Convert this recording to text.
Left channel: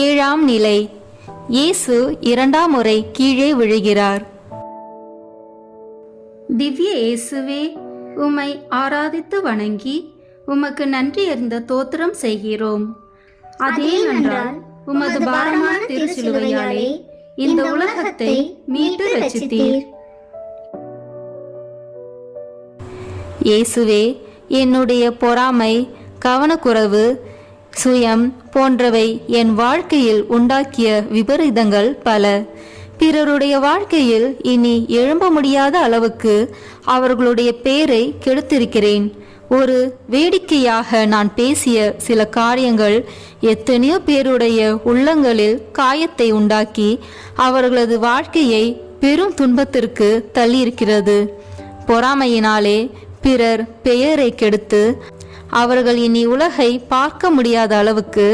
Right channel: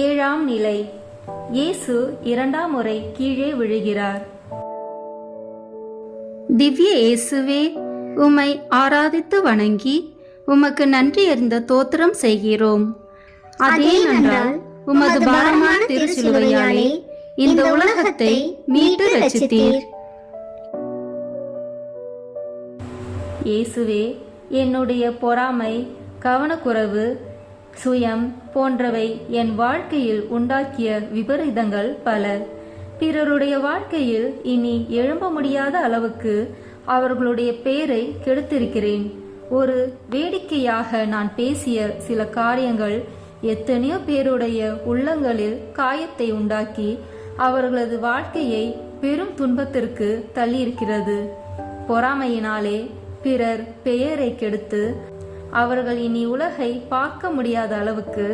ஏழாம் நிலை. இயேசு இரண்டாம் முறை கீழே விழுகிறார். திவ்ய இயேசுவே, உம்மை ஆராதித்து வணங்கி உமக்கு நன்றி அறிந்த தோத்திரம் செய்கிறோம். அதே நன்றால் உமது பாரமான திருச்சிலுவையாலே இந்த உலகத்தை மீட்டு ரட்சித்தீர். இயேசுவே, என்னுடைய பொறாமை, கவனக்குறைவு, சுயம் போன்றவை என் வாழ்க்கையில் உண்டாக்கிய விபரீதங்கள் பல. பிறருடைய வாழ்க்கையில் இனி எழும்ப முடியாத அளவுக்கு அவர்களுடைய பேரை கெடுத்திருக்கிறேன். ஒரு வேடிக்கையாக நான் பேசிய சில காரியங்கள் எத்தனையோ பேருடைய உள்ளங்களில் காயத்தை உண்டாக்கி அவர்களது வாழ்க்கையை பெரும் துன்பத்திற்கு தள்ளியிருக்கிறது. பொறாமையினாலே பிறர் பெயரை கெடுத்து அவர்கள் இனி உலகை பார்க்க முடியாத அளவுக்கு